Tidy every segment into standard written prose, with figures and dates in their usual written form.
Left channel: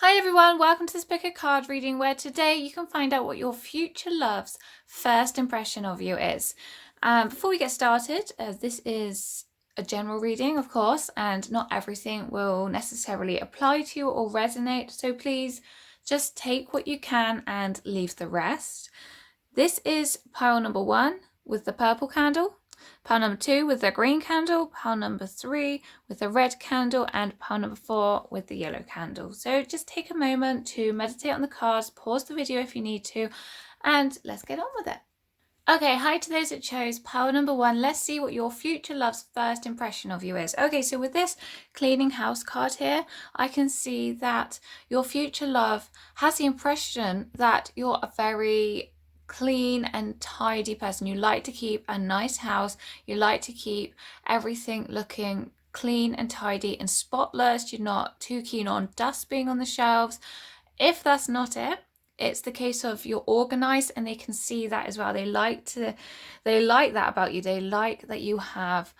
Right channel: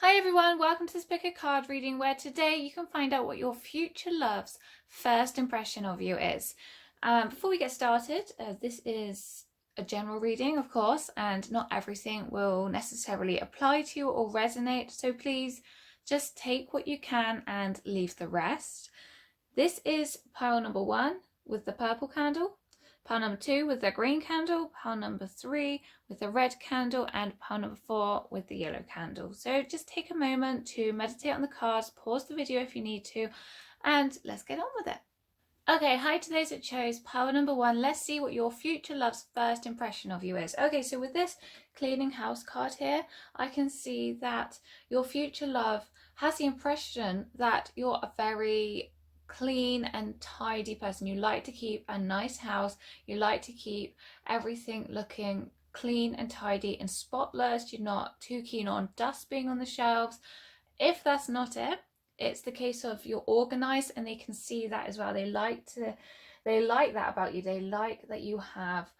Hi everyone, welcome to this book of card reading where today you can find out what your future love's first impression of you is. Before we get started, this is a general reading, of course, and not everything will necessarily apply to you or resonate, so please just take what you can and leave the rest. This is pile number 1 with the purple candle, pile number 2 with the green candle, pile number 3 with the red candle, and pile number 4 with the yellow candle. So just take a moment to meditate on the cards, pause the video if you need to, and let's get on with it. Okay, hi to those that chose pile number 1. Let's see what your future love's first impression of you is. Okay, so with this cleaning house card here, I can see that your future love has the impression that you're a very clean and tidy person. You like to keep a nice house. You like to keep everything looking clean and tidy and spotless. You're not too keen on dust being on the shelves. If that's not it, it's the case of you're organized, and they can see that as well. They like that about you. They like that you have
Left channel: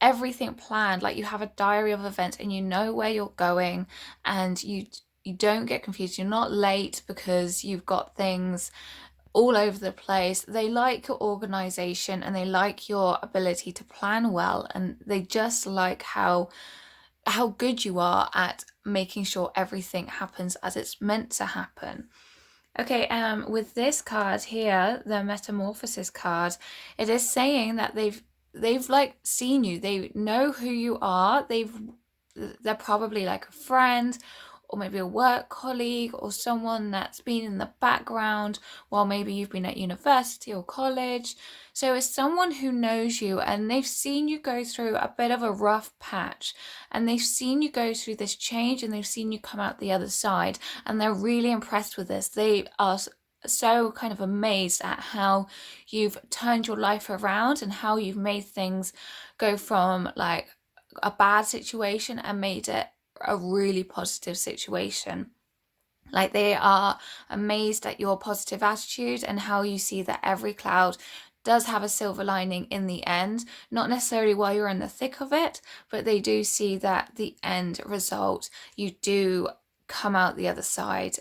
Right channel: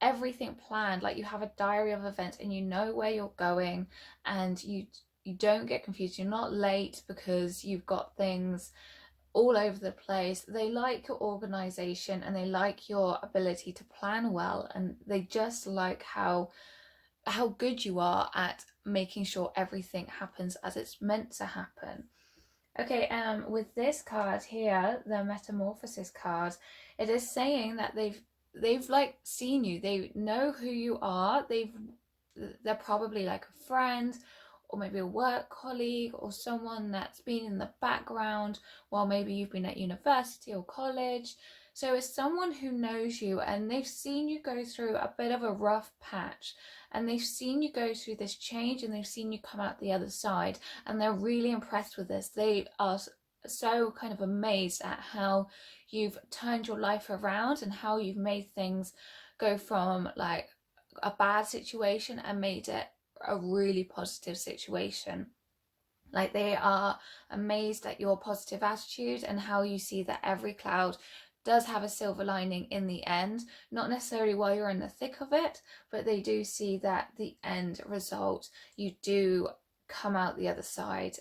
everything planned, like you have a diary of events and you know where you're going, and you don't get confused. You're not late because you've got things all over the place. They like your organization and they like your ability to plan well, and they just like how good you are at making sure everything happens as it's meant to happen. Okay, with this card here, the Metamorphosis card, it is saying that they've like seen you. They know who you are. They're probably like a friend or maybe a work colleague or someone that's been in the background while maybe you've been at university or college. So it's someone who knows you, and they've seen you go through a bit of a rough patch, and they've seen you go through this change, and they've seen you come out the other side, and they're really impressed with this. They are so kind of amazed at how you've turned your life around and how you've made things go from like a bad situation and made it a really positive situation. Like, they are amazed at your positive attitude and how you see that every cloud does have a silver lining in the end. Not necessarily while you're in the thick of it, but they do see that the end result, you do come out the other side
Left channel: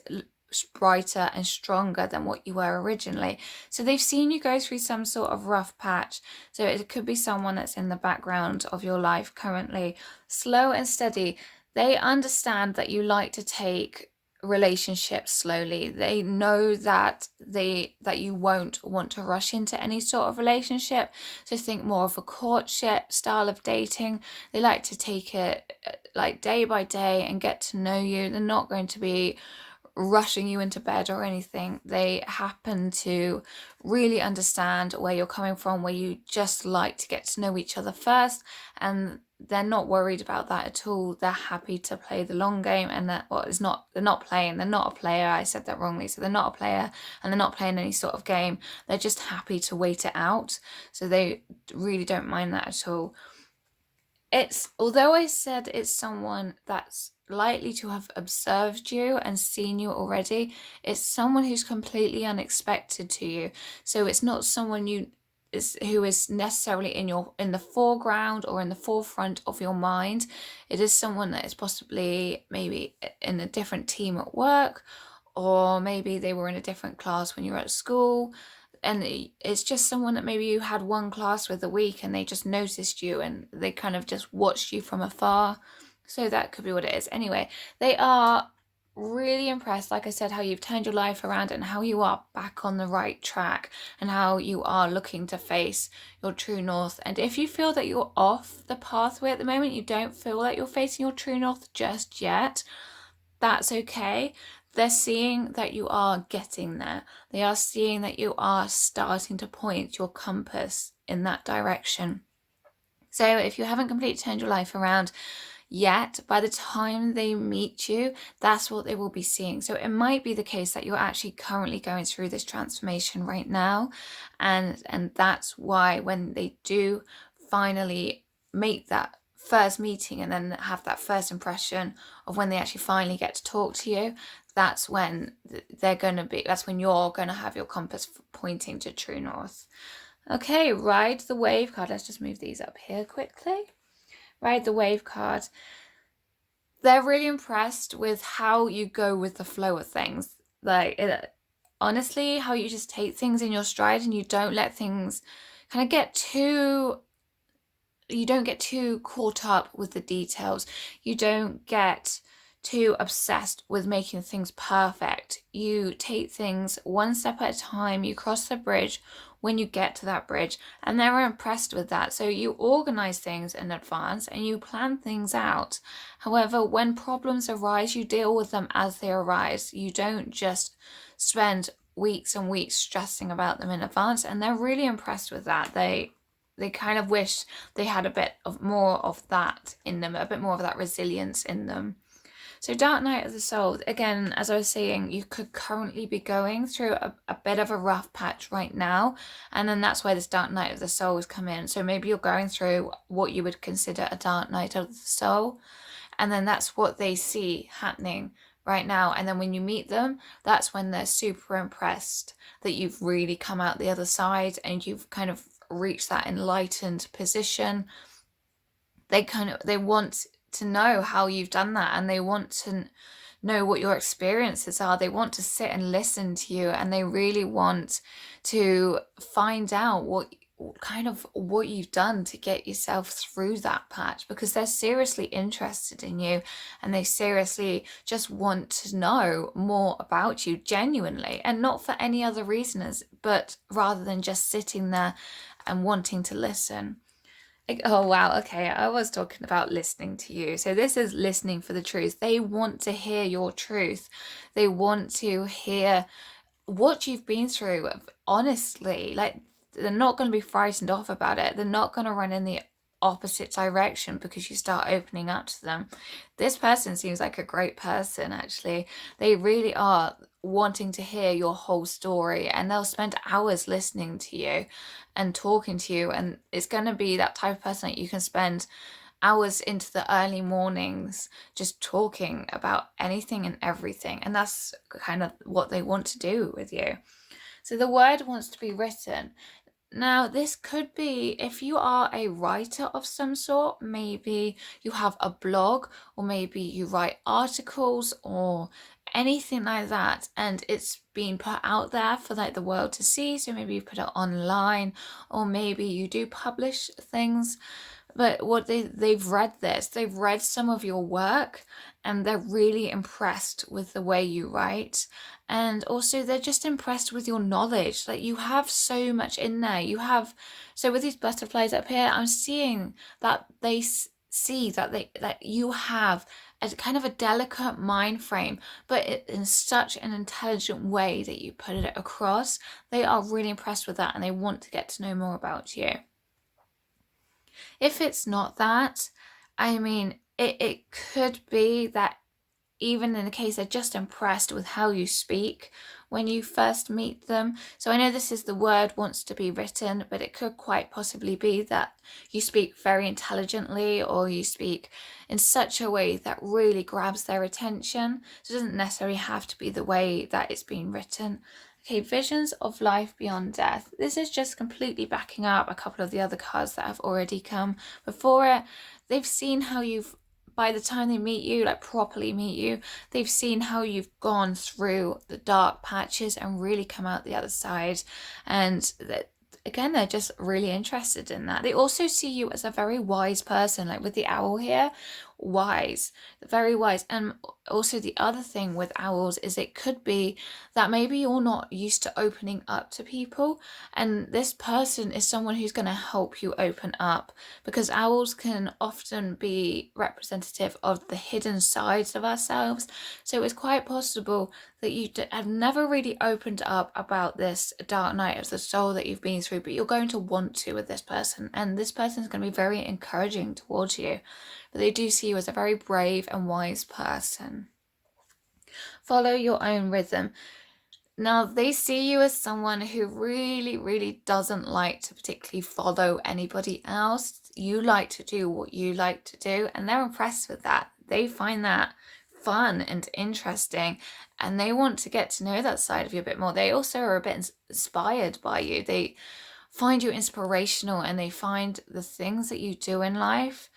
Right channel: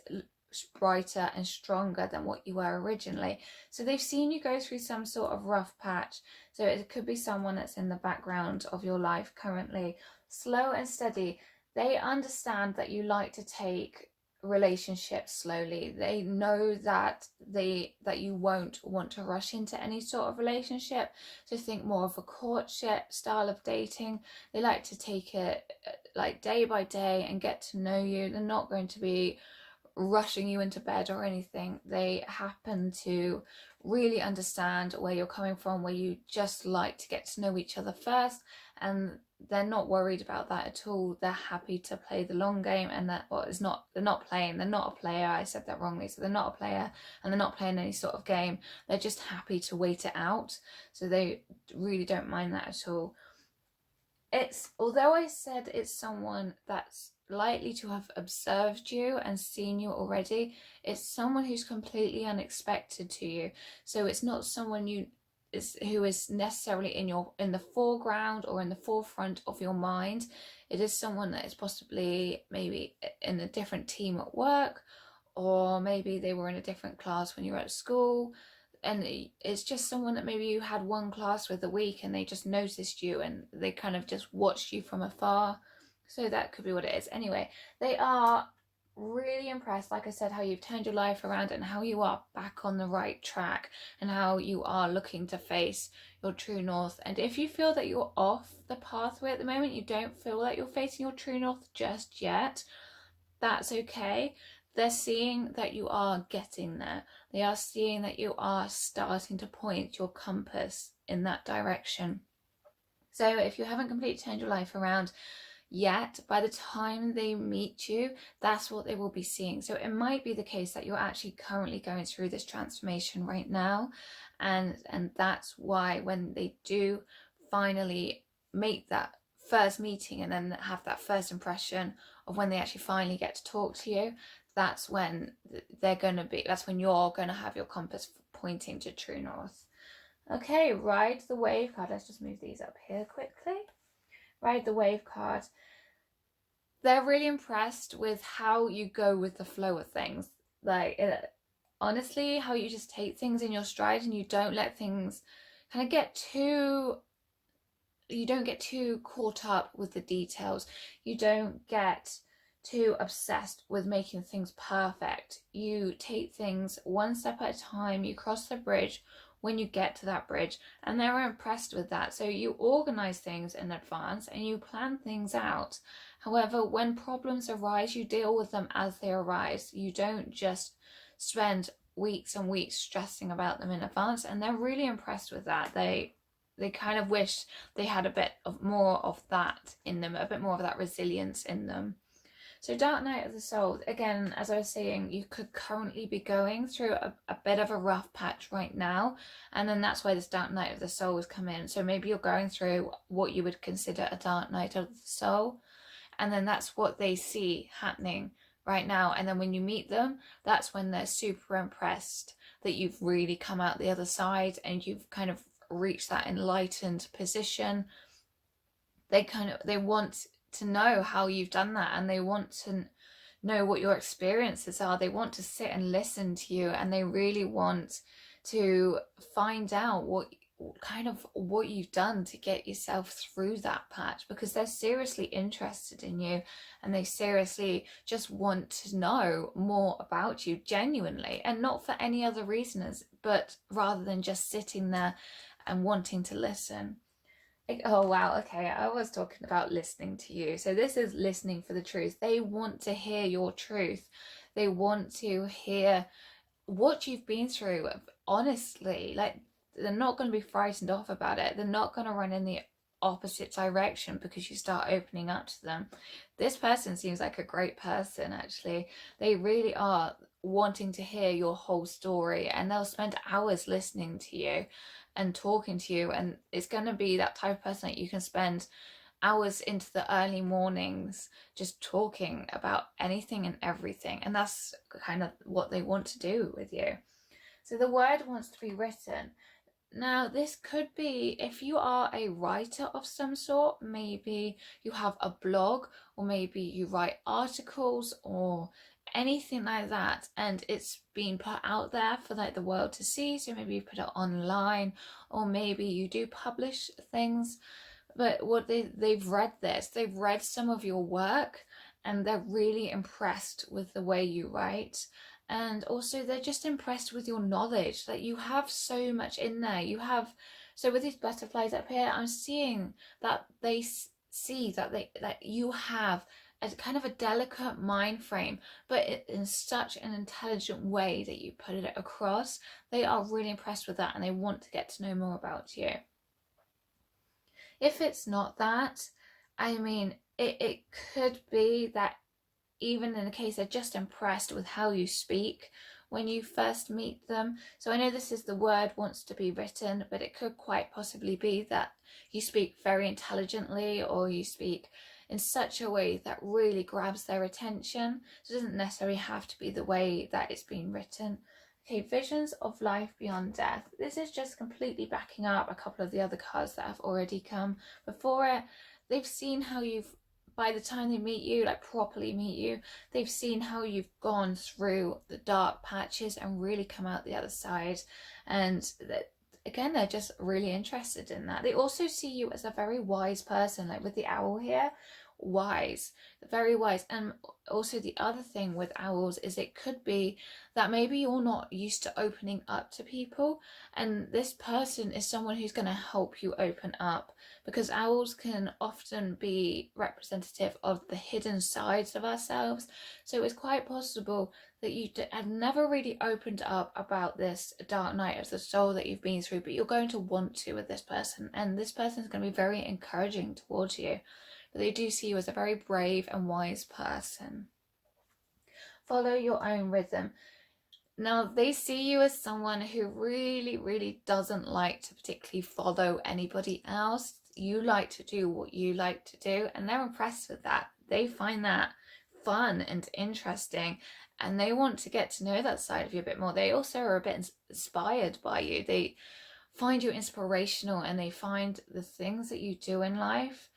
brighter and stronger than what you were originally. So they've seen you go through some sort of rough patch. So it could be someone that's in the background of your life currently, slow and steady. They understand that you like to take relationships slowly. They know that you won't want to rush into any sort of relationship. So think more of a courtship style of dating. They like to take it like day by day and get to know you. They're not going to be rushing you into bed or anything. They happen to really understand where you're coming from, where you just like to get to know each other first, and they're not worried about that at all. They're happy to play the long game, and they're not a player. I said that wrongly. So they're not a player, and they're not playing any sort of game. They're just happy to wait it out. So they really don't mind that at all. Although I said it's someone that's likely to have observed you and seen you already, it's someone who's completely unexpected to you. So it's not someone who is necessarily in the foreground or in the forefront of your mind. It is someone that is possibly maybe in a different team at work, or maybe they were in a different class when you were at school, and it's just someone that maybe you had one class with a week and they just noticed you and they kind of just watched you from afar. So that could be what it is. Anyway, they are really impressed, like I said, how you've turned your life around and how you are back on the right track and how you are looking to face your true north. And if you feel that you're off the pathway at the moment, you don't feel like you're facing your true north just yet, that's okay. They're seeing that you are getting there. They are seeing that you are starting to point your compass in that direction. So if you haven't completely turned your life around yet, by the time they meet you, that's what they will be seeing. So it might be the case that you're actually currently going through this transformation right now, and that's why when they do finally make that first meeting and then have that first impression of when they actually finally get to talk to you, that's when that's when you're going to have your compass pointing to true north. Okay, ride the wave card. Let's just move these up here quickly. Ride the wave card. they're really impressed with how you go with the flow of things. Like, honestly, how you just take things in your stride and you don't let things kind of you don't get too caught up with the details. You don't get too obsessed with making things perfect. You take things one step at a time. You cross the bridge when you get to that bridge, and they're impressed with that. So you organize things in advance and you plan things out. However, when problems arise, you deal with them as they arise. You don't just spend weeks and weeks stressing about them in advance, and they're really impressed with that. They kind of wish they had a bit of more of that in them, a bit more of that resilience in them. So Dark Night of the Soul, again, as I was saying, you could currently be going through a bit of a rough patch right now, and then that's why this Dark Night of the Soul has come in. So maybe you're going through what you would consider a Dark Night of the Soul, and then that's what they see happening right now. And then when you meet them, that's when they're super impressed that you've really come out the other side and you've kind of reached that enlightened position. They want to know how you've done that, and they want to know what your experiences are. They want to sit and listen to you, and they really want to find out what you've done to get yourself through that patch, because they're seriously interested in you and they seriously just want to know more about you genuinely, and not for any other reasons, but rather than just sitting there and wanting to listen. Oh wow, okay, I was talking about listening to you. So this is listening for the truth. They want to hear your truth. They want to hear what you've been through, honestly. Like, they're not going to be frightened off about it. They're not going to run in the opposite direction because you start opening up to them. This person seems like a great person, actually. They really are wanting to hear your whole story, and they'll spend hours listening to you and talking to you, and it's going to be that type of person that you can spend hours into the early mornings just talking about anything and everything, and that's kind of what they want to do with you. So the word wants to be written. Now, this could be if you are a writer of some sort. Maybe you have a blog, or maybe you write articles or anything like that, and it's being put out there for like the world to see. So maybe you put it online, or maybe you do publish things. But what they've read this, they've read some of your work, and they're really impressed with the way you write. And also they're just impressed with your knowledge. Like, you have so much in there. So with these butterflies up here, I'm seeing that they see that you have a kind of a delicate mind frame, but in such an intelligent way that you put it across. They are really impressed with that, and they want to get to know more about you. If it's not that, I mean, it could be that even in the case they're just impressed with how you speak when you first meet them. So I know this is the word wants to be written, but it could quite possibly be that you speak very intelligently, or you speak in such a way that really grabs their attention. So it doesn't necessarily have to be the way that it's been written. Okay, visions of life beyond death. This is just completely backing up a couple of the other cards that have already come before it. They've seen how by the time they meet you, like properly meet you, they've seen how you've gone through the dark patches and really come out the other side. And again, they're just really interested in that. They also see you as a very wise person, like with the owl here. Wise, very wise. And also the other thing with owls is it could be that maybe you're not used to opening up to people, and this person is someone who's going to help you open up, because owls can often be representative of the hidden sides of ourselves. So it's quite possible that you have never really opened up about this dark night of the soul that you've been through, but you're going to want to with this person, and this person is going to be very encouraging towards you. But they do see you as a very brave and wise person. Follow your own rhythm. Now, they see you as someone who really, really doesn't like to particularly follow anybody else. You like to do what you like to do, and they're impressed with that. They find that fun and interesting, and they want to get to know that side of you a bit more. They also are a bit inspired by you. They find you inspirational, and they find the things that you do in life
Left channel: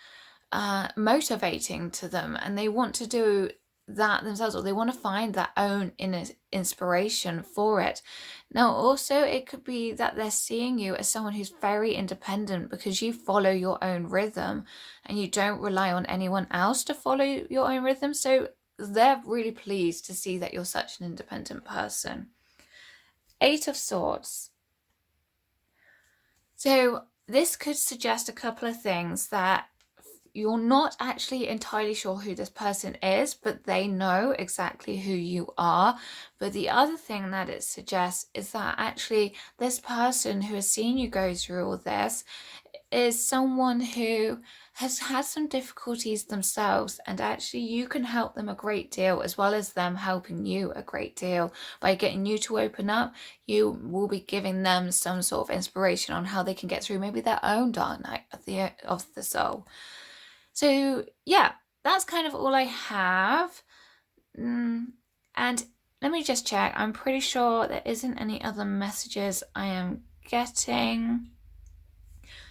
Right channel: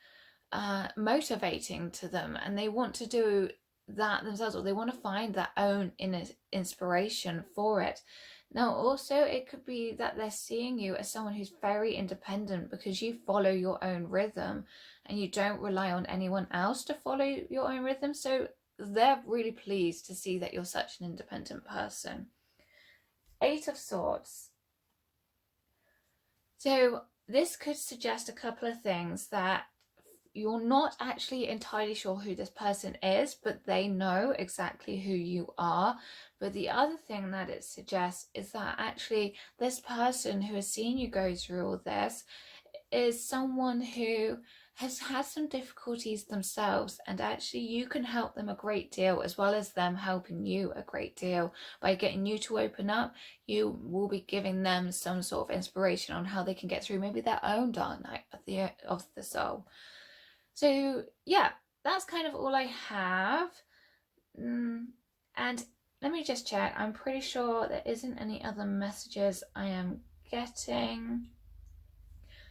motivating to them, and they want to do that themselves, or they want to find their own inner inspiration for it. Now also it could be that they're seeing you as someone who's very independent because you follow your own rhythm and you don't rely on anyone else to follow your own rhythm. So they're really pleased to see that you're such an independent person. Eight of Swords. So this could suggest a couple of things: that you're not actually entirely sure who this person is, but they know exactly who you are. But the other thing that it suggests is that actually this person who has seen you go through all this is someone who has had some difficulties themselves, and actually you can help them a great deal, as well as them helping you a great deal. By getting you to open up, you will be giving them some sort of inspiration on how they can get through maybe their own dark night of the soul. So yeah, that's kind of all I have. And let me just check. I'm pretty sure there isn't any other messages I am getting.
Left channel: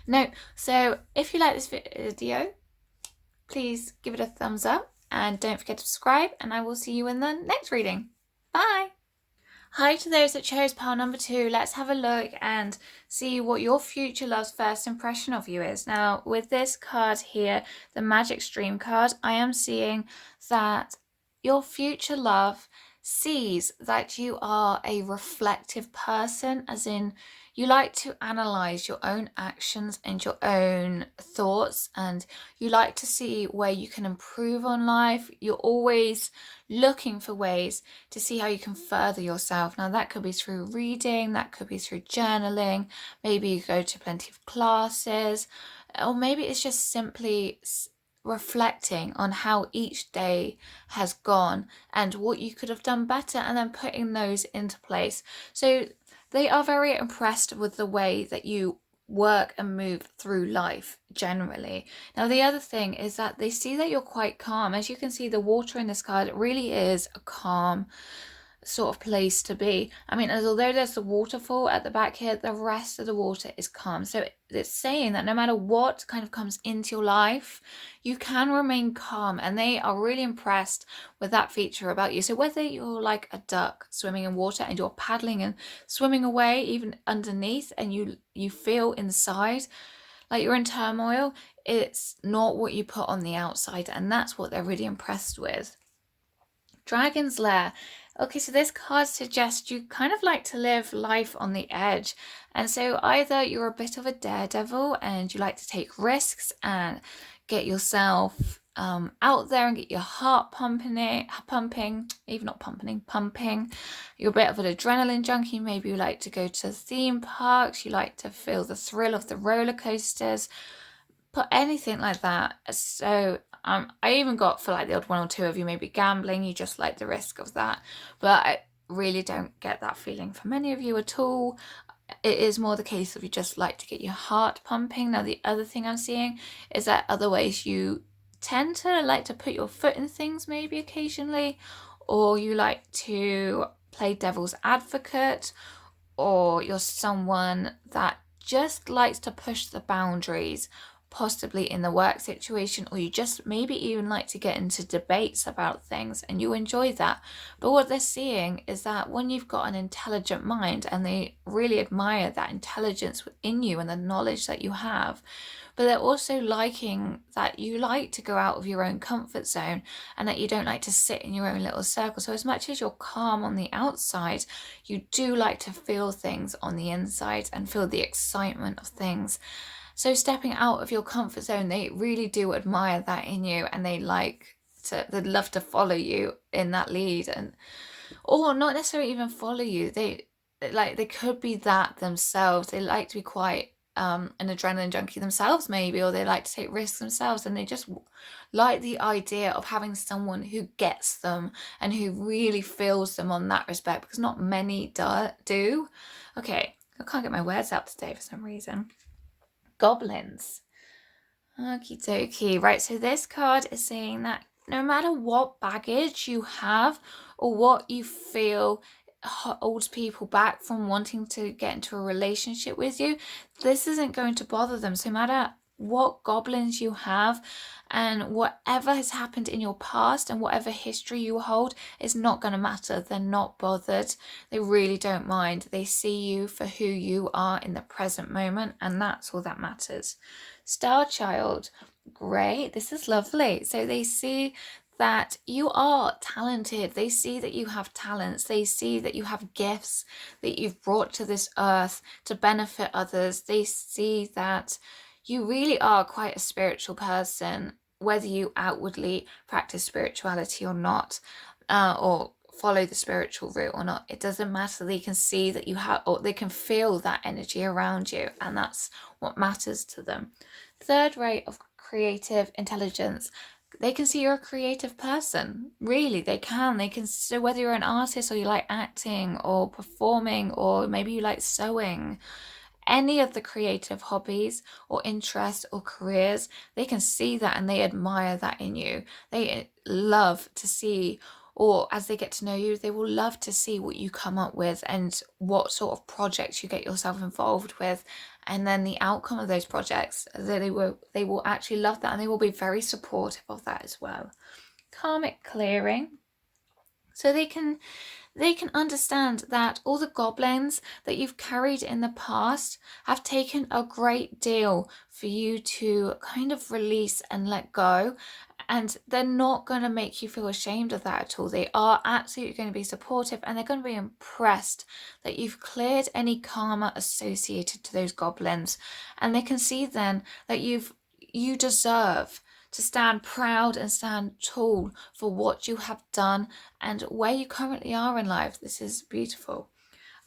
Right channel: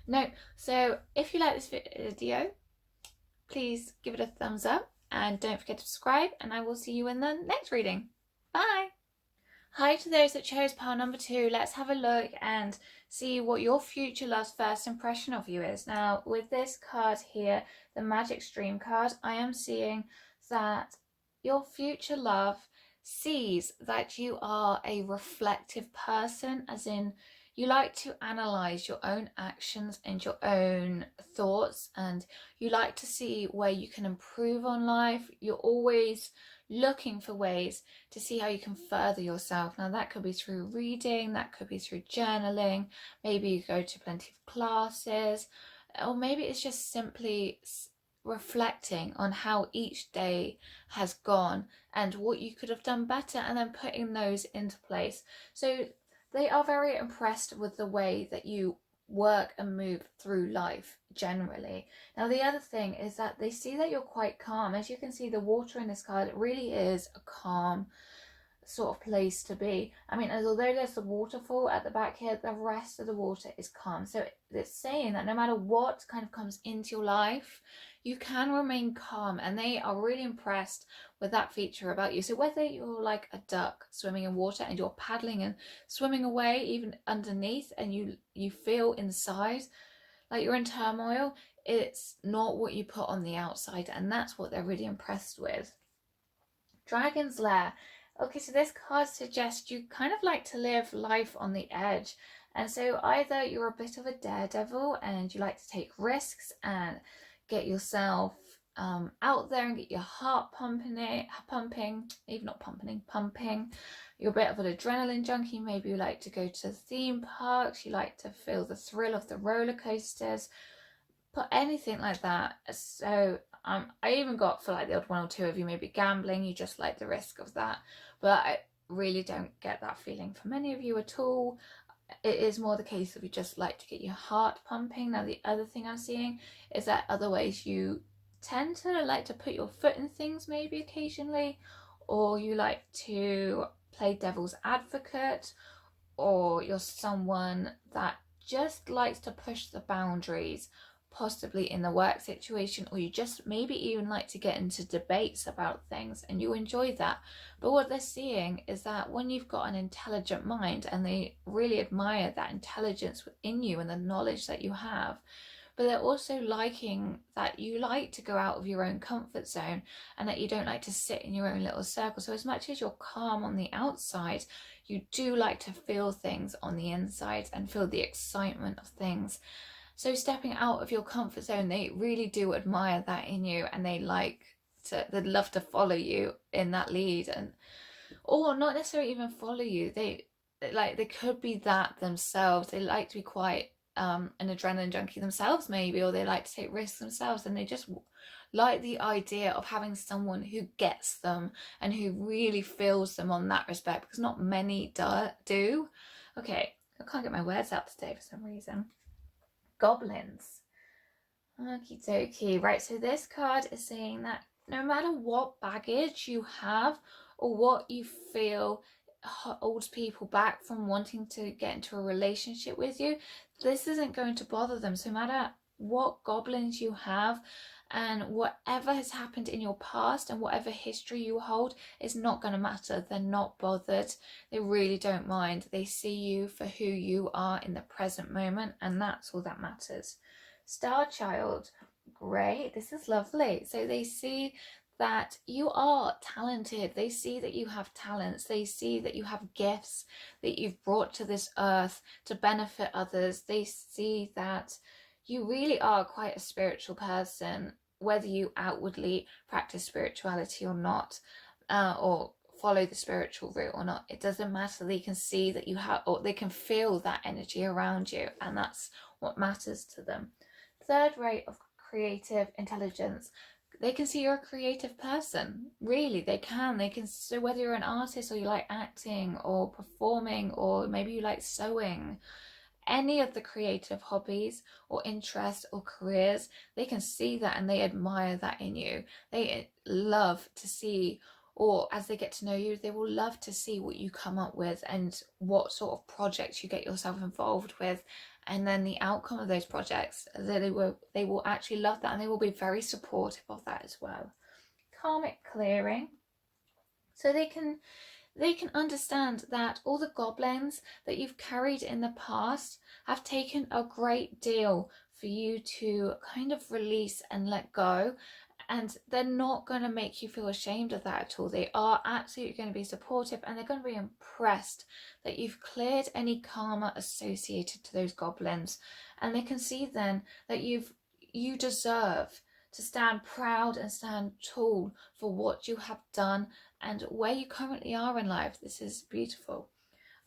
No. So if you like this video, please give it a thumbs up and don't forget to subscribe, and I will see you in the next reading. Bye. Hi to those that chose pile number 2. Let's have a look and see what your future love's first impression of you is. Now, with this card here, the Magic Stream card, I am seeing that your future love sees that you are a reflective person, as in you like to analyze your own actions and your own thoughts, and you like to see where you can improve on life. You're always looking for ways to see how you can further yourself. Now that could be through reading, that could be through journaling, maybe you go to plenty of classes, or maybe it's just simply reflecting on how each day has gone and what you could have done better, and then putting those into place. So they are very impressed with the way that you work and move through life generally. Now the other thing is that they see that you're quite calm. As you can see, the water in this card, it really is a calm sort of place to be. I mean, although there's the waterfall at the back here, the rest of the water is calm. So it's saying that no matter what kind of comes into your life, you can remain calm, and they are really impressed with that feature about you. So whether you're like a duck swimming in water and you're paddling and swimming away even underneath, and you feel inside like you're in turmoil, it's not what you put on the outside, and that's what they're really impressed with. Dragon's Lair. Okay, so this card suggests you kind of like to live life on the edge. And so either you're a bit of a daredevil and you like to take risks and get yourself out there and get your heart pumping. You're a bit of an adrenaline junkie. Maybe you like to go to theme parks. You like to feel the thrill of the roller coasters. But anything like that. So I even got, for like the odd one or two of you, maybe gambling, you just like the risk of that. But I really don't get that feeling for many of you at all. It is more the case of you just like to get your heart pumping. Now the other thing I'm seeing is that other ways you tend to like to put your foot in things maybe occasionally, or you like to play devil's advocate, or you're someone that just likes to push the boundaries, possibly in the work situation, or you just maybe even like to get into debates about things and you enjoy that. But what they're seeing is that when you've got an intelligent mind, and they really admire that intelligence within you and the knowledge that you have, but they're also liking that you like to go out of your own comfort zone and that you don't like to sit in your own little circle. So as much as you're calm on the outside, you do like to feel things on the inside and feel the excitement of things. So stepping out of your comfort zone, they really do admire that in you, and they'd love to follow you in that lead, and or not necessarily even follow you. They could be that themselves. They like to be quite an adrenaline junkie themselves maybe, or they like to take risks themselves, and they just like the idea of having someone who gets them and who really feels them on that respect, because not many do. Okay, I can't get my words out today for some reason. Goblins. Okie dokie. Right, so this card is saying that no matter what baggage you have or what you feel holds people back from wanting to get into a relationship with you, this isn't going to bother them. So no matter what goblins you have, and whatever has happened in your past and whatever history you hold is not going to matter. They're not bothered. They really don't mind. They see you for who you are in the present moment, and that's all that matters. Star Child, great. This is lovely. So they see that you are talented. They see that you have talents. They see that you have gifts that you've brought to this earth to benefit others. They see that you really are quite a spiritual person, whether you outwardly practice spirituality or not, or follow the spiritual route or not. It doesn't matter. They can see that you have, or they can feel that energy around you, and that's what matters to them. Third rate of creative intelligence. They can see you're a creative person. Really, they can. They can. So whether you're an artist or you like acting or performing, or maybe you like sewing, any of the creative hobbies or interests or careers, they can see that and they admire that in you. They love to see, or as they get to know you, they will love to see what you come up with and what sort of projects you get yourself involved with, and then the outcome of those projects. They will actually love that, and they will be very supportive of that as well. Karmic clearing. So they can understand that all the goblins that you've carried in the past have taken a great deal for you to kind of release and let go. And they're not going to make you feel ashamed of that at all. They are absolutely going to be supportive, and they're going to be impressed that you've cleared any karma associated to those goblins. And they can see then that you deserve to stand proud and stand tall for what you have done and where you currently are in life. This is beautiful.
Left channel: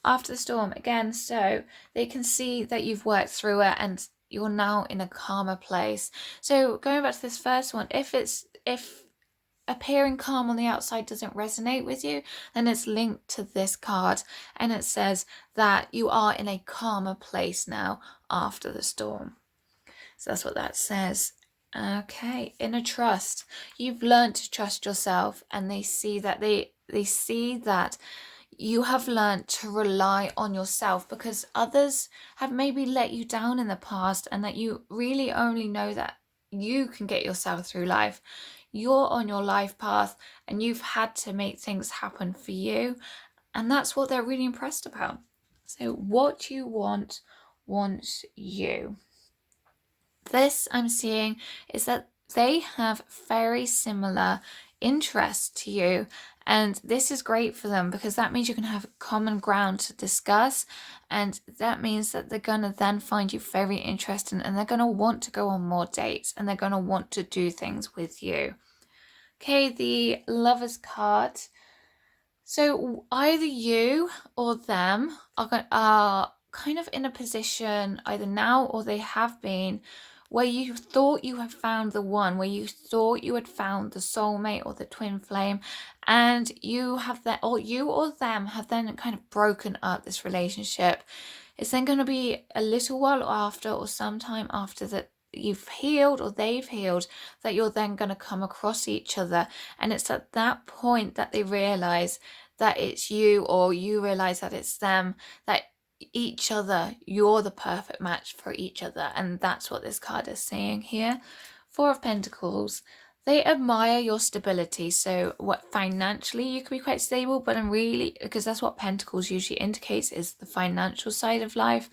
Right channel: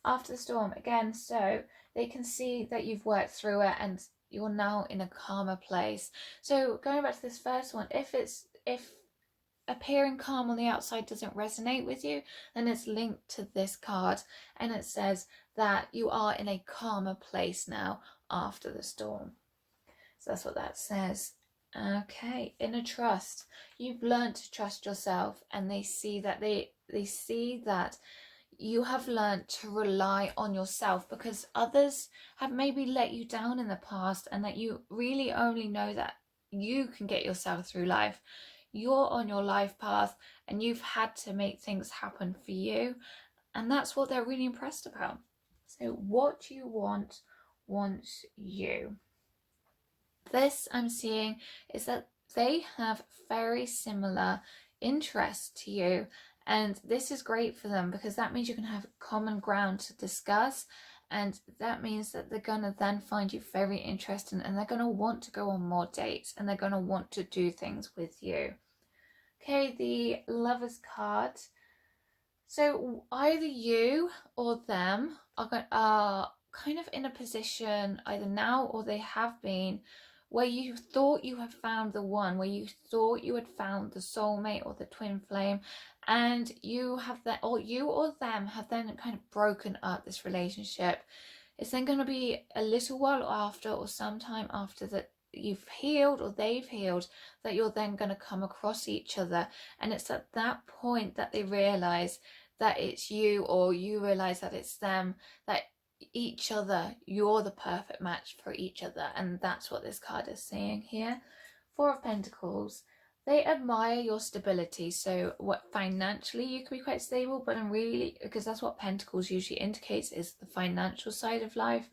After the storm, again, so they can see that you've worked through it and you're now in a calmer place. So going back to this first one, if appearing calm on the outside doesn't resonate with you, then it's linked to this card, and it says that you are in a calmer place now after the storm. So that's what that says. Okay, inner trust. You've learned to trust yourself, and they see that they see that you have learned to rely on yourself, because others have maybe let you down in the past, and that you really only know that you can get yourself through life. You're on your life path, and you've had to make things happen for you, and that's what they're really impressed about. So what you want wants you. This I'm seeing is that they have very similar interests to you, and this is great for them because that means you can have common ground to discuss, and that means that they're going to then find you very interesting, and they're going to want to go on more dates, and they're going to want to do things with you. Okay, the Lovers card. So either you or them are kind of in a position either now or they have been, where you thought you had found the one, where you thought you had found the soulmate or the twin flame, and you have that, or you or them have then kind of broken up this relationship. It's then going to be a little while after, or sometime after that you've healed or they've healed, that you're then going to come across each other, and it's at that point that they realize that it's you, or you realize that it's them, that each other, you're the perfect match for each other. And that's what this card is saying here. Four of Pentacles. They admire your stability. So what financially you can be quite stable, but I'm really, because that's what Pentacles usually indicates, is the financial side of life.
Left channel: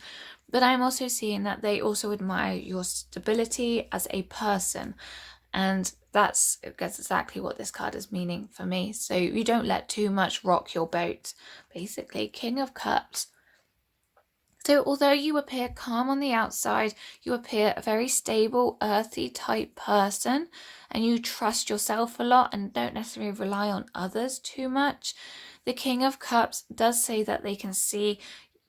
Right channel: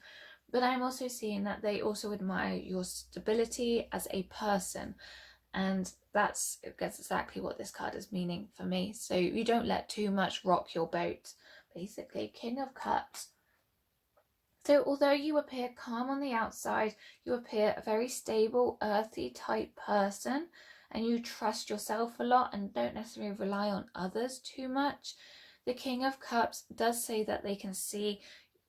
But I'm also seeing that they also admire your stability as a person. And that's exactly what this card is meaning for me. So you don't let too much rock your boat, basically. King of Cups. So although you appear calm on the outside, you appear a very stable, earthy type person, and you trust yourself a lot and don't necessarily rely on others too much. The King of Cups does say that they can see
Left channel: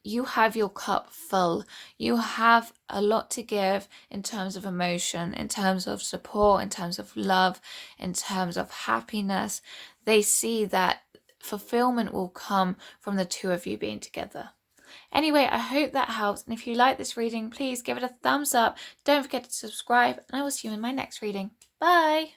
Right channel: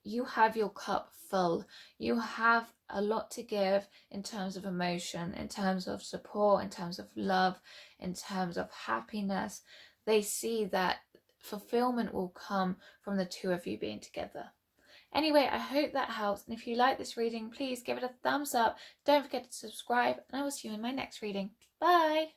you have your cup full. You have a lot to give in terms of emotion, in terms of support, in terms of love, in terms of happiness. They see that fulfillment will come from the two of you being together. Anyway, I hope that helps. And if you like this reading, please give it a thumbs up. Don't forget to subscribe, and I will see you in my next reading. Bye!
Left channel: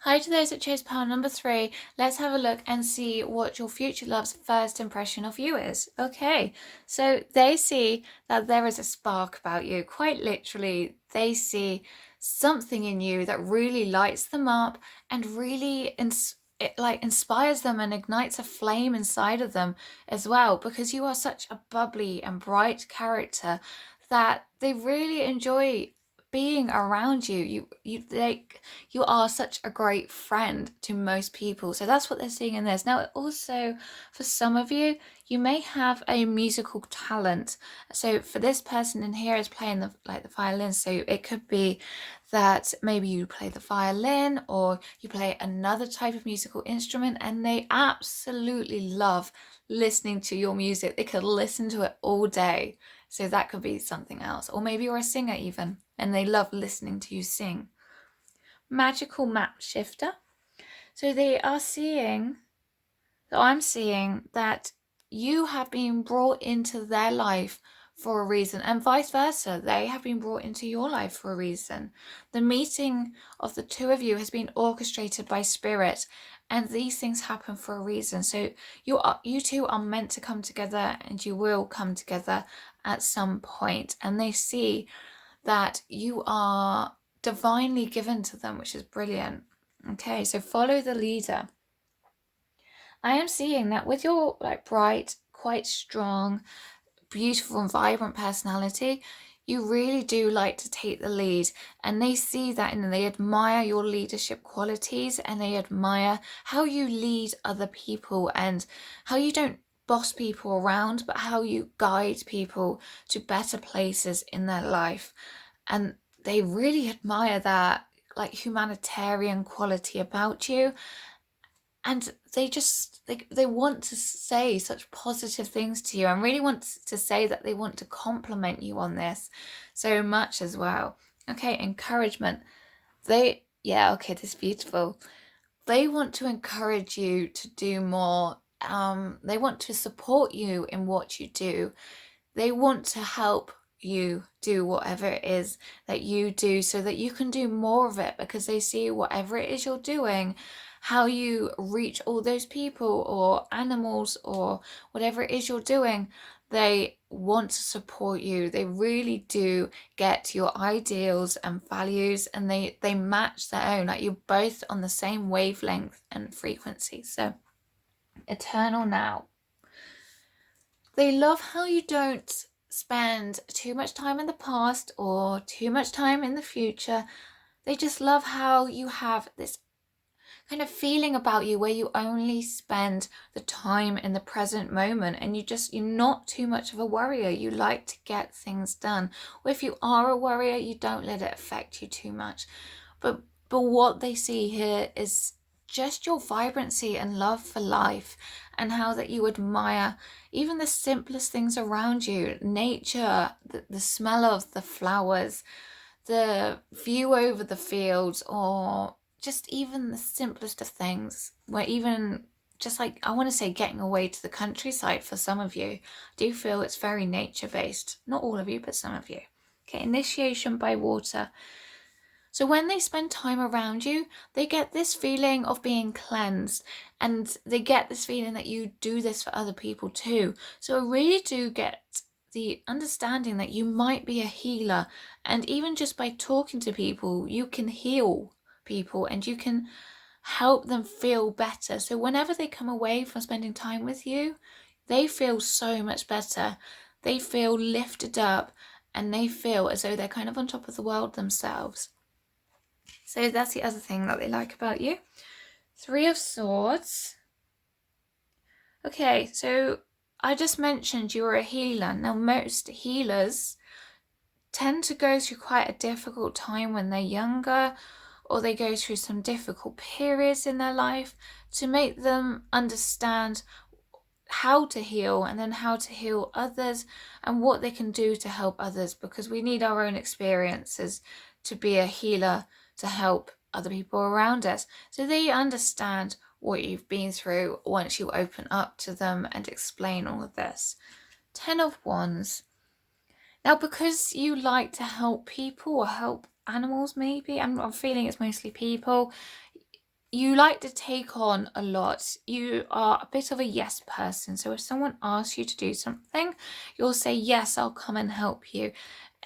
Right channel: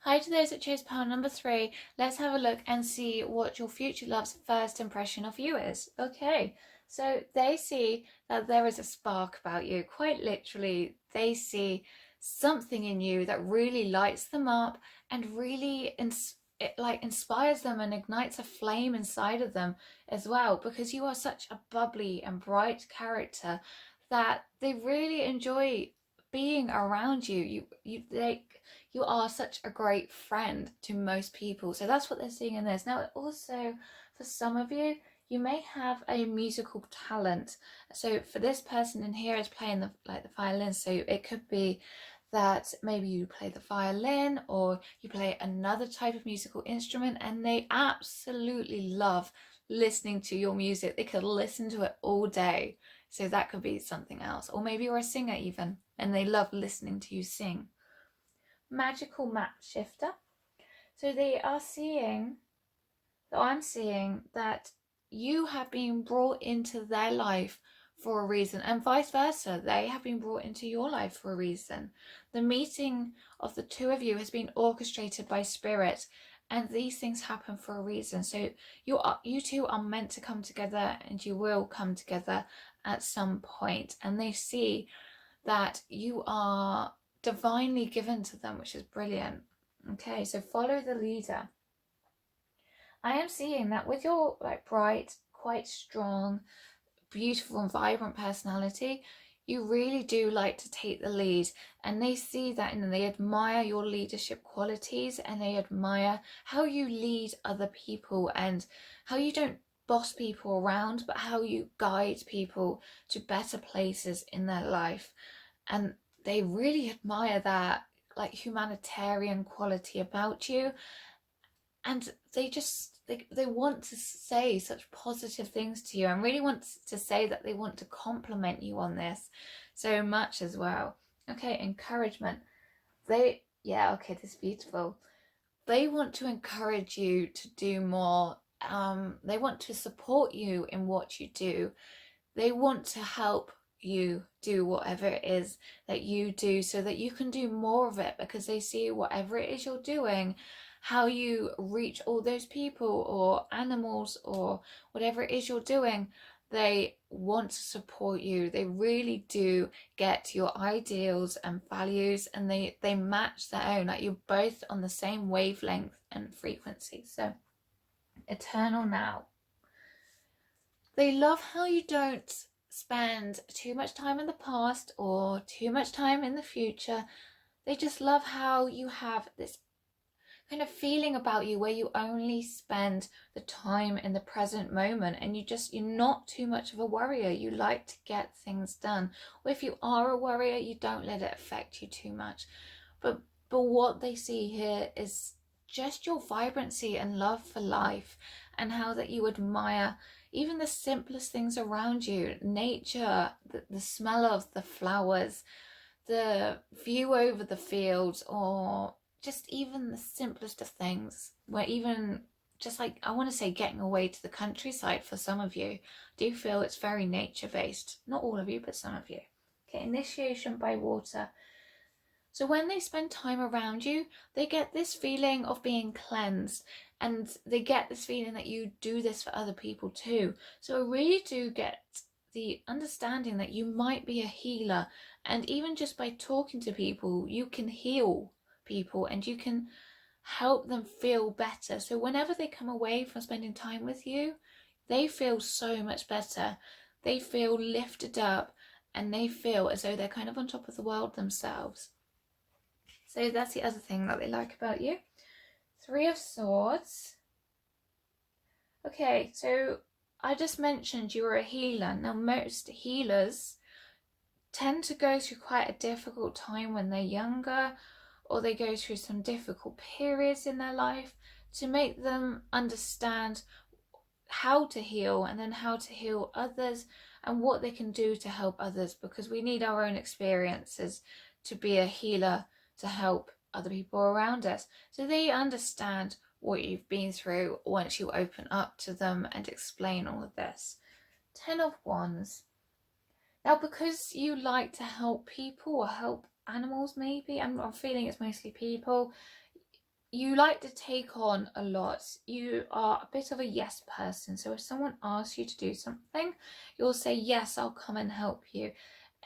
Hi to those that chose pile number 3. Let's have a look and see what your future love's first impression of you is. Okay, so they see that there is a spark about you. Quite literally, they see something in you that really lights them up and really it like inspires them and ignites a flame inside of them as well, because you are such a bubbly and bright character that they really enjoy being around you. You are such a great friend to most people. So that's what they're seeing in this. Now, also for some of you, you may have a musical talent. So for this person in here is playing the violin. So it could be that maybe you play the violin or you play another type of musical instrument, and they absolutely love listening to your music. They could listen to it all day. So that could be something else. Or maybe you're a singer even, and they love listening to you sing. Magical map shifter. So they are seeing, so I'm seeing that you have been brought into their life for a reason, and vice versa. They have been brought into your life for a reason. The meeting of the two of you has been orchestrated by spirit, and these things happen for a reason. So you two are meant to come together, and you will come together at some point. And they see that you are divinely given to them, which is brilliant. Okay, so follow the leader. I am seeing that with your bright, quite strong, beautiful and vibrant personality, you really do like to take the lead, and they see that and they admire your leadership qualities, and they admire how you lead other people and how you don't boss people around, but how you guide people to better places in their life. And they really admire that humanitarian quality about you, and they want to say such positive things to you, and really want to say that they want to compliment you on this so much as well. Okay, encouragement. Okay, this is beautiful. They want to encourage you to do more. They want to support you in what you do. They want to help you do whatever it is that you do so that you can do more of it, because they see whatever it is you're doing, how you reach all those people or animals or whatever it is you're doing. They want to support you. They really do get your ideals and values, and they match their own. Like, you're both on the same wavelength and frequency. So eternal now. They love how you don't spend too much time in the past or too much time in the future. They just love how you have this kind of feeling about you where you only spend the time in the present moment, and you're not too much of a worrier. You like to get things done. Or if you are a worrier, you don't let it affect you too much. But what they see here is just your vibrancy and love for life, and how that you admire even the simplest things around you, nature, the smell of the flowers, the view over the fields, or just even the simplest of things, where even just I want to say getting away to the countryside for some of you. I do feel it's very nature based. Not all of you, but some of you. Okay, initiation by water. So when they spend time around you, they get this feeling of being cleansed, and they get this feeling that you do this for other people too. So I really do get the understanding that you might be a healer, and even just by talking to people, you can heal people and you can help them feel better. So whenever they come away from spending time with you, they feel so much better. They feel lifted up, and they feel as though they're kind of on top of the world themselves. So that's the other thing that they like about you. 3 of Swords. Okay, so I just mentioned you were a healer. Now, most healers tend to go through quite a difficult time when they're younger, or they go through some difficult periods in their life to make them understand how to heal, and then how to heal others, and what they can do to help others, because we need our own experiences to be a healer to help other people around us. So they understand what you've been through once you open up to them and explain all of this. 10 of Wands. Now, because you like to help people or help animals, maybe, I'm feeling it's mostly people, you like to take on a lot. You are a bit of a yes person. So if someone asks you to do something, you'll say, yes, I'll come and help you.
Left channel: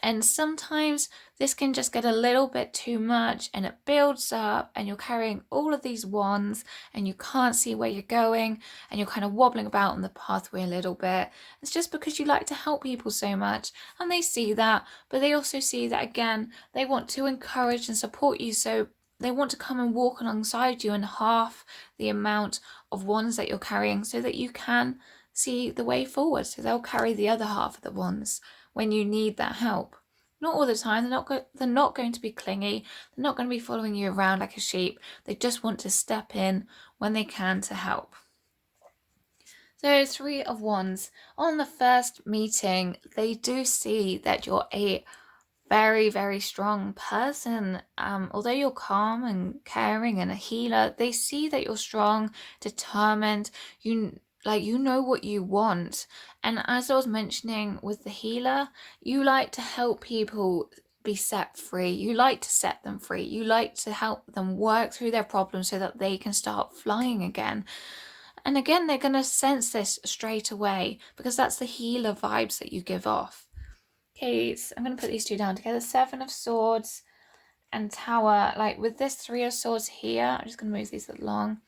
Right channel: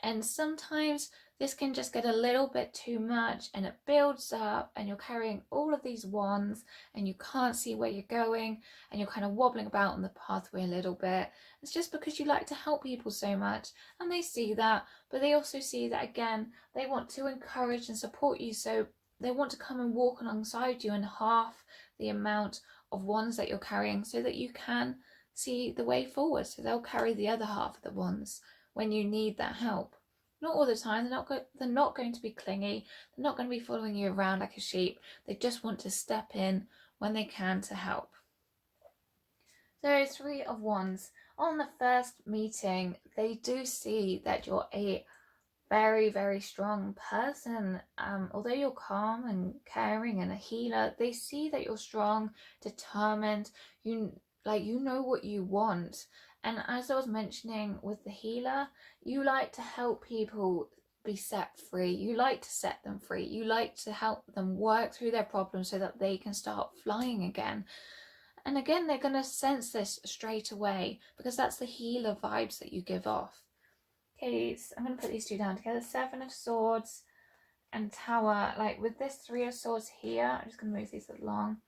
And sometimes this can just get a little bit too much and it builds up and you're carrying all of these wands and you can't see where you're going and you're kind of wobbling about on the pathway a little bit. It's just because you like to help people so much, and they see that, but they also see that, again, they want to encourage and support you. So they want to come and walk alongside you in half the amount of wands that you're carrying so that you can see the way forward. So they'll carry the other half of the wands when you need that help. Not all the time. They're not going to be clingy. They're not going to be following you around like a sheep. They just want to step in when they can to help. So 3 of Wands. On the first meeting, they do see that you're a very, very strong person. Although you're calm and caring and a healer, they see that you're strong, determined. You know what you want. And as I was mentioning with the healer, you like to help people be set free. You like to set them free. You like to help them work through their problems so that they can start flying again. And again, they're going to sense this straight away because that's the healer vibes that you give off. Okay, so I'm going to put these two down together. 7 of Swords and Tower. Like with this 3 of Swords here, I'm just going to move these along.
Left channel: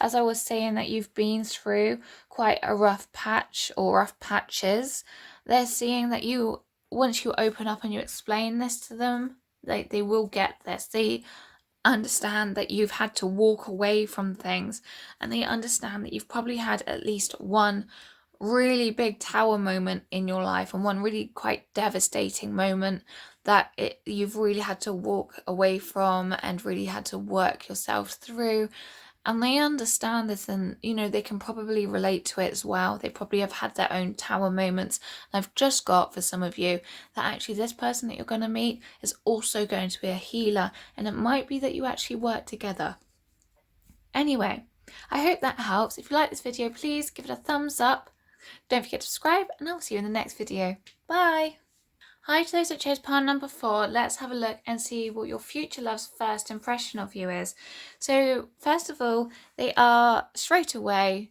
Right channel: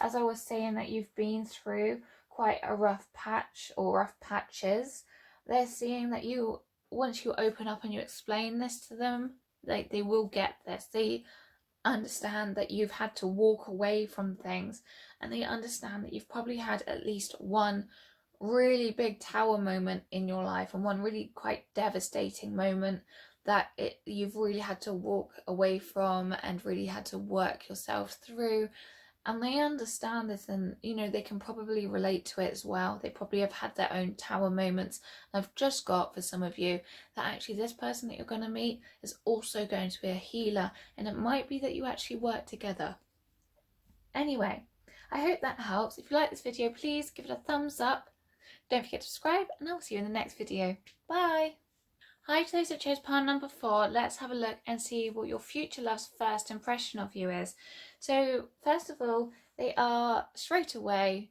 As I was saying, that you've been through quite a rough patch or rough patches. They're seeing that you, once you open up and you explain this to them, they will get this. They understand that you've had to walk away from things, and they understand that you've probably had at least one really big tower moment in your life and one really quite devastating moment that you've really had to walk away from and really had to work yourself through. And they understand this, and they can probably relate to it as well. They probably have had their own tower moments. And I've just got, for some of you, that actually this person that you're going to meet is also going to be a healer, and it might be that you actually work together. Anyway, I hope that helps. If you like this video, please give it a thumbs up. Don't forget to subscribe, and I'll see you in the next video. Bye! Hi to those that chose pile number 4. Let's have a look and see what your future love's first impression of you is. So first of all, they are straight away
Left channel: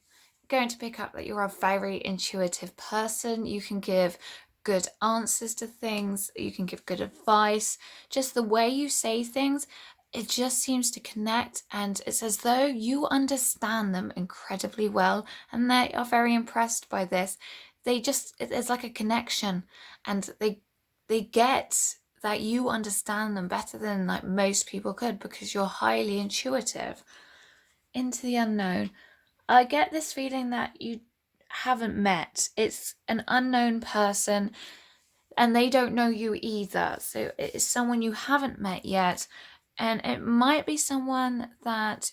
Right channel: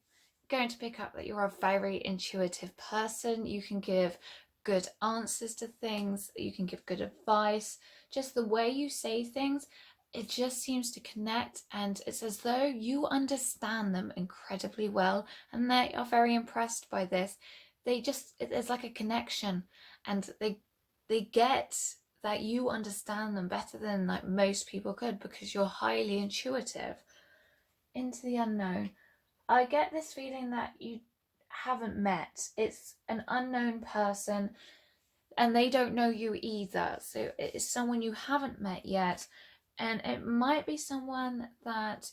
going to pick up that you're a very intuitive person. You can give good answers to things. You can give good advice. Just the way you say things, it just seems to connect, and it's as though you understand them incredibly well, and they are very impressed by this. It's like a connection, and they get that you understand them better than like most people could because you're highly intuitive. Into the unknown. I get this feeling that you haven't met. It's an unknown person and they don't know you either. So it's someone you haven't met yet, and it might be someone that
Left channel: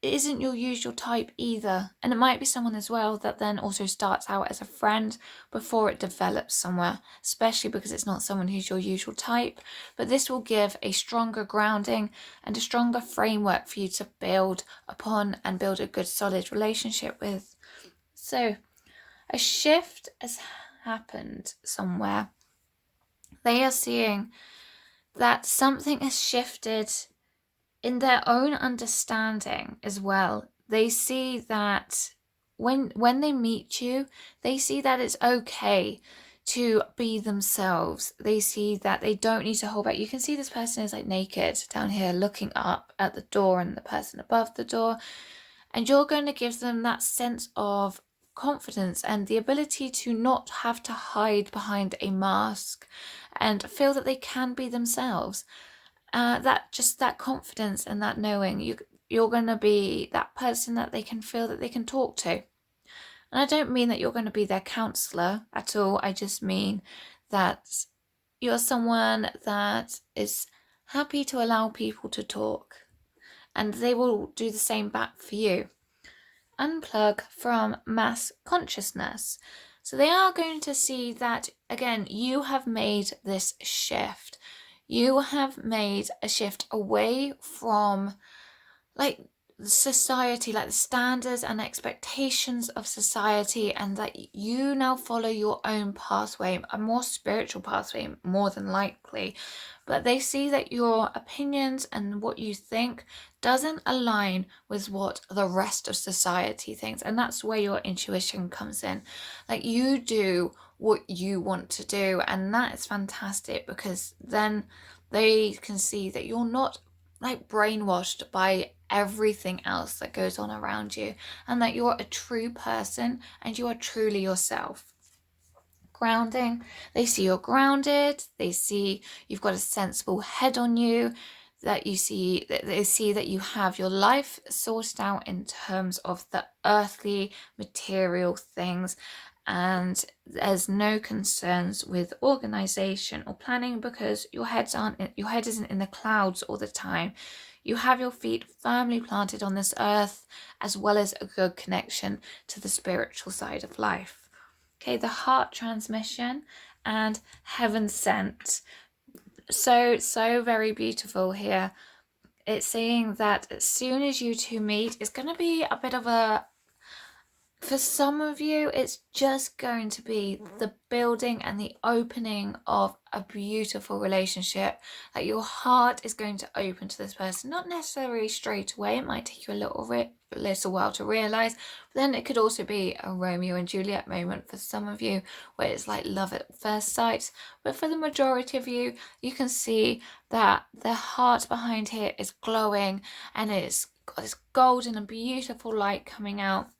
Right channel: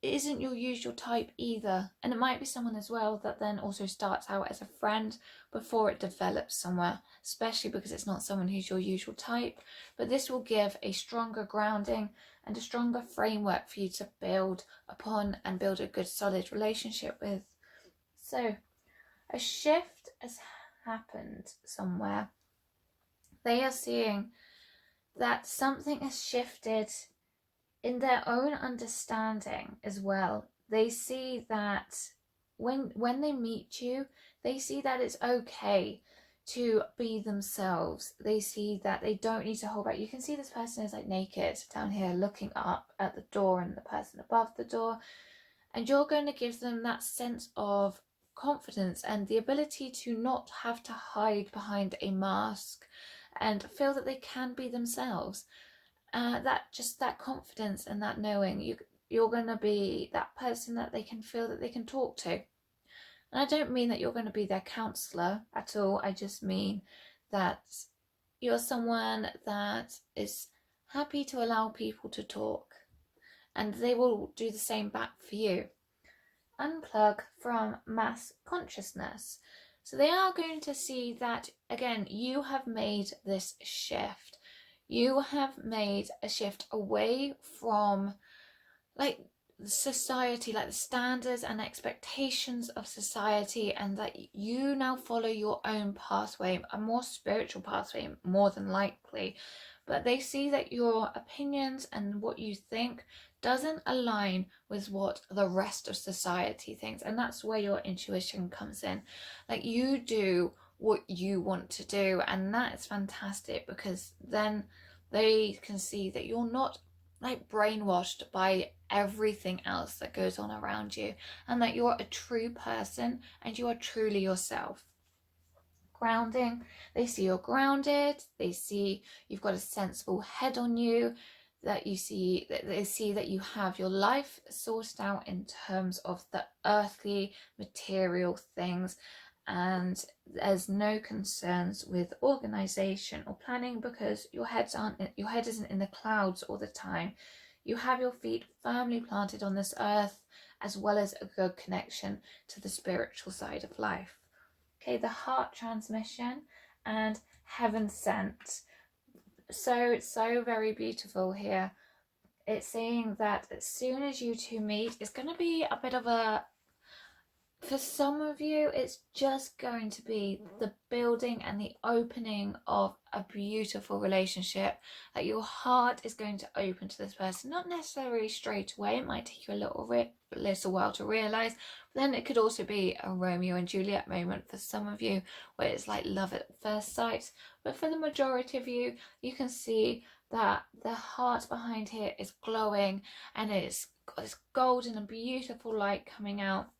isn't your usual type either, and it might be someone as well that then also starts out as a friend before it develops somewhere, especially because it's not someone who's your usual type. But this will give a stronger grounding and a stronger framework for you to build upon and build a good solid relationship with. So a shift has happened somewhere. They are seeing that something has shifted in their own understanding as well. They see that when they meet you, they see that it's okay to be themselves. They see that they don't need to hold back. You can see this person is like naked down here looking up at the door and the person above the door, and you're going to give them that sense of confidence and the ability to not have to hide behind a mask and feel that they can be themselves. That confidence and that knowing you're going to be that person that they can feel that they can talk to. And I don't mean that you're going to be their counselor at all. I just mean that you're someone that is happy to allow people to talk, and they will do the same back for you. Unplug from mass consciousness. So they are going to see that, again, you have made this shift. You have made a shift away from like society, like the standards and expectations of society, and that you now follow your own pathway, a more spiritual pathway more than likely. But they see that your opinions and what you think doesn't align with what the rest of society thinks. And that's where your intuition comes in. Like, you do what you want to do, and that is fantastic, because then they can see that you're not like brainwashed by everything else that goes on around you, and that you're a true person and you are truly yourself. Grounding, they see you're grounded, they see you've got a sensible head on you, that they see that you have your life sorted out in terms of the earthly material things, and there's no concerns with organization or planning, because your head isn't in the clouds all the time. You have your feet firmly planted on this earth, as well as a good connection to the spiritual side of life. Okay, the heart transmission and heaven sent. So very beautiful here. It's saying that as soon as you two meet, it's going to be a bit of a, for some of you, it's just going to be the building and the opening of a beautiful relationship. Like, your heart is going to open to this person, not necessarily straight away. It might take you a little while to realize. But then it could also be a Romeo and Juliet moment for some of you, where it's like love at first sight. But for the majority of you, you can see that the heart behind here is glowing, and it's got this golden and beautiful light coming out.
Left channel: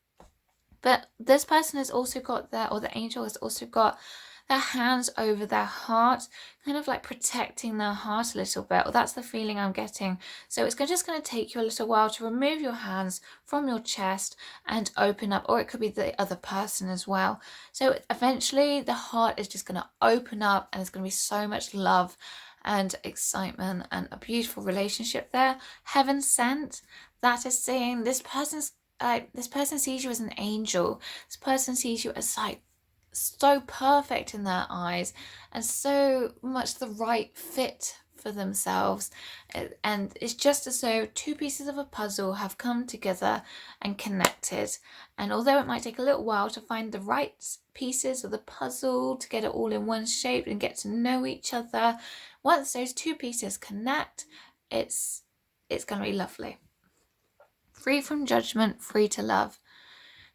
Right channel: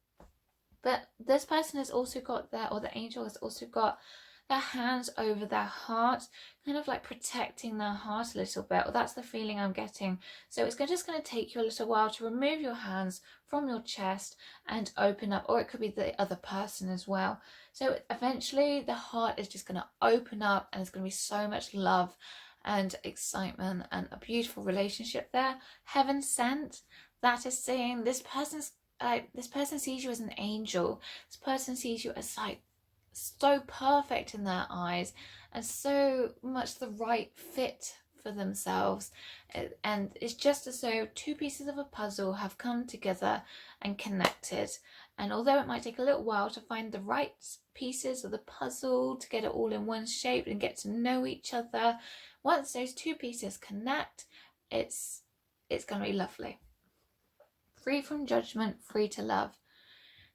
But this person has also got or the angel has also got their hands over their heart, kind of like protecting their heart a little bit. Or that's the feeling I'm getting. So it's just going to take you a little while to remove your hands from your chest and open up, or it could be the other person as well. So eventually the heart is just going to open up, and there's going to be so much love and excitement and a beautiful relationship there. Heaven sent, that is saying this person sees you as an angel. This person sees you as like so perfect in their eyes, and so much the right fit for themselves. And it's just as though two pieces of a puzzle have come together and connected. And although it might take a little while to find the right pieces of the puzzle to get it all in one shape and get to know each other, once those two pieces connect, it's going to be lovely. Free from judgment, free to love.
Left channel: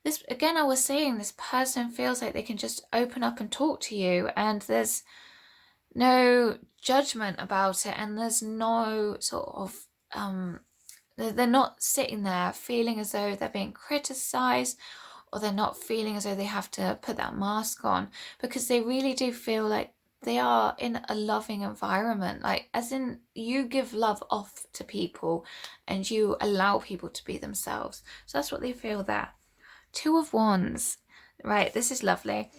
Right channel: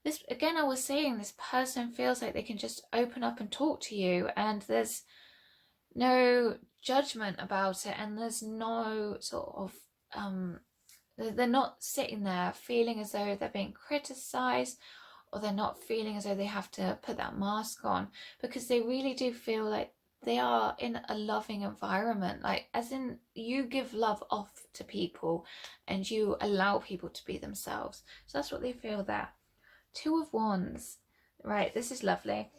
This, again, I was saying, this person feels like they can just open up and talk to you, and there's no judgment about it, and there's no sort of they're not sitting there feeling as though they're being criticized, or they're not feeling as though they have to put that mask on, because they really do feel like they are in a loving environment, like as in you give love off to people and you allow people to be themselves. So that's what they feel there. Two of Wands, right? This is lovely.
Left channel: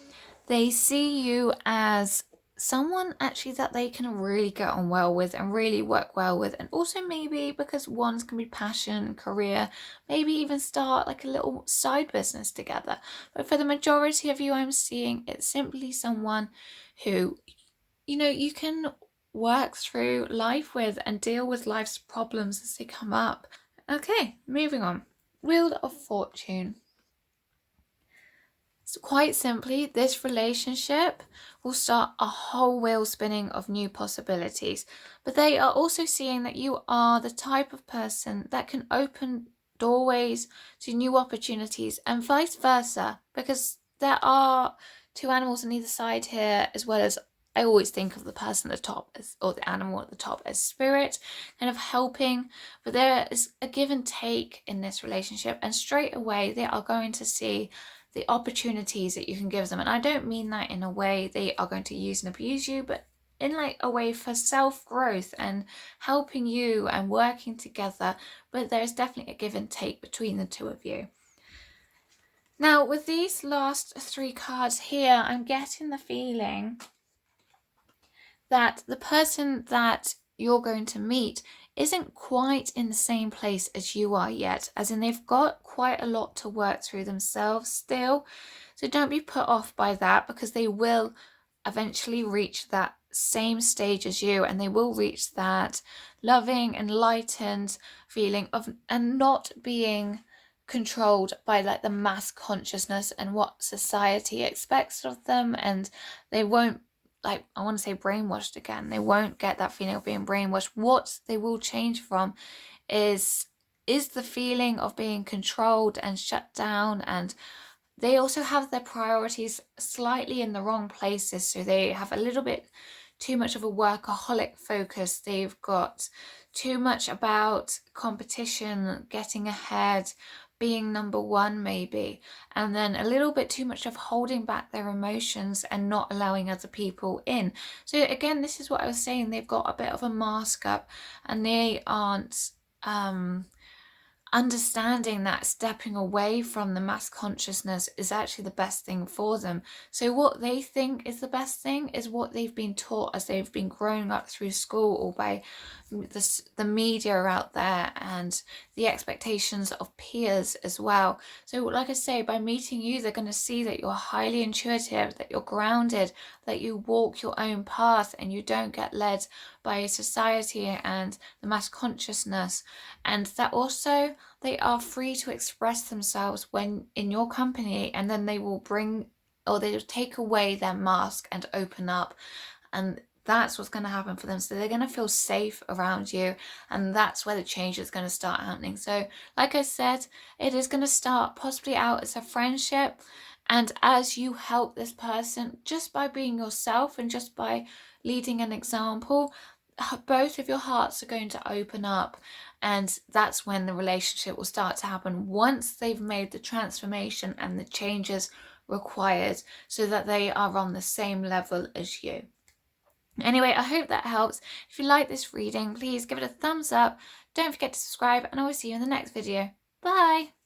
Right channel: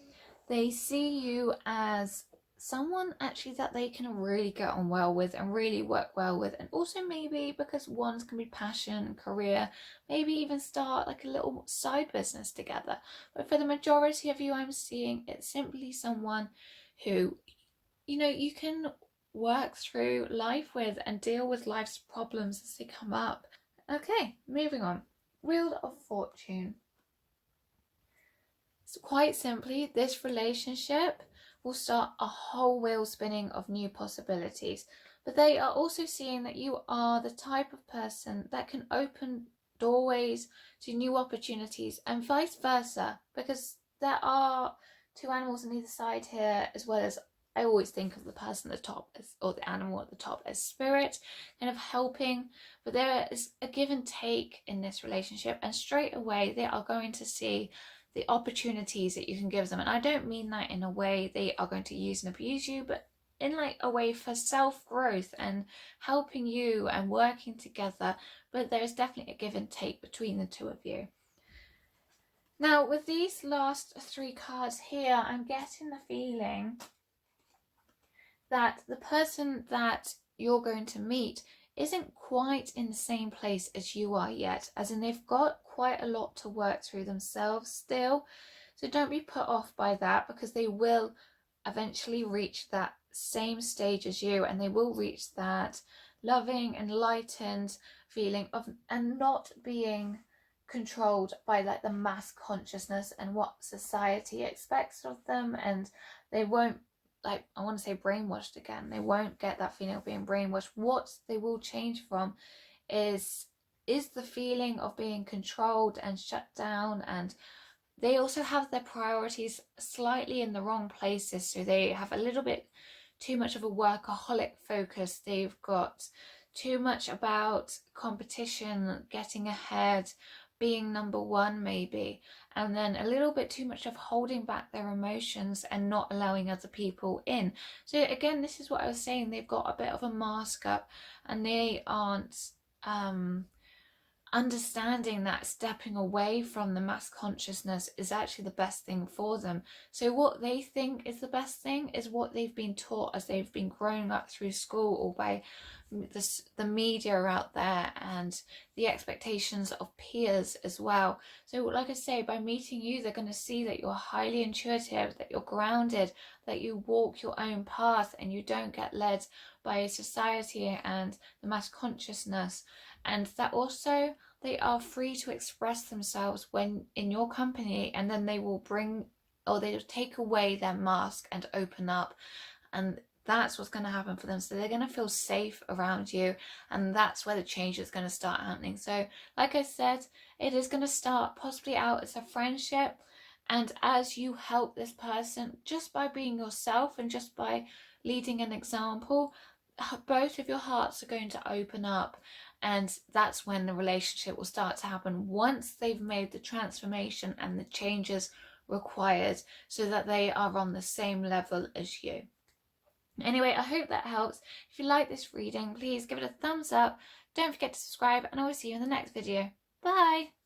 They see you as someone actually that they can really get on well with and really work well with, and also maybe because wands can be passion, career, maybe even start like a little side business together. But for the majority of you, I'm seeing it's simply someone who, you know, you can work through life with and deal with life's problems as they come up. Okay, moving on. Wheel of Fortune. So quite simply, this relationship will start a whole wheel spinning of new possibilities. But they are also seeing that you are the type of person that can open doorways to new opportunities, and vice versa, because there are two animals on either side here, as well as I always think of the person at the top as, or the animal at the top, as spirit, kind of helping. But there is a give and take in this relationship, and straight away they are going to see the opportunities that you can give them. And I don't mean that in a way they are going to use and abuse you, but in like a way for self-growth and helping you and working together. But there's definitely a give and take between the two of you. Now, with these last three cards here, I'm getting the feeling that the person that you're going to meet isn't quite in the same place as you are yet, as in they've got quite a lot to work through themselves still. So don't be put off by that, because they will eventually reach that same stage as you, and they will reach that loving, enlightened feeling of, and not being controlled by like the mass consciousness and what society expects of them. And they won't, like, I want to say brainwashed again. They won't get that feeling of being brainwashed. What they will change from is is the feeling of being controlled and shut down, and they also have their priorities slightly in the wrong places. So they have a little bit too much of a workaholic focus. They've got too much about competition, getting ahead, being number one maybe, and then a little bit too much of holding back their emotions and not allowing other people in. So again, this is what I was saying, they've got a bit of a mask up, and they aren't understanding that stepping away from the mass consciousness is actually the best thing for them. So what they think is the best thing is what they've been taught as they've been growing up through school, or by the media out there, and the expectations of peers as well. So like I say, by meeting you, they're going to see that you're highly intuitive, that you're grounded, that you walk your own path and you don't get led by society and the mass consciousness, and that also they are free to express themselves when in your company, and then they will bring, or they will take away their mask and open up, and that's what's going to happen for them. So they're going to feel safe around you, and that's where the change is going to start happening. So like I said, it is going to start possibly out as a friendship, and as you help this person just by being yourself and just by leading an example, both of your hearts are going to open up, and that's when the relationship will start to happen, once they've made the transformation and the changes required, so that they are on the same level as you. Anyway, I hope that helps. If you like this reading, please give it a thumbs up. Don't forget to subscribe, and I will see you in the next video. Bye!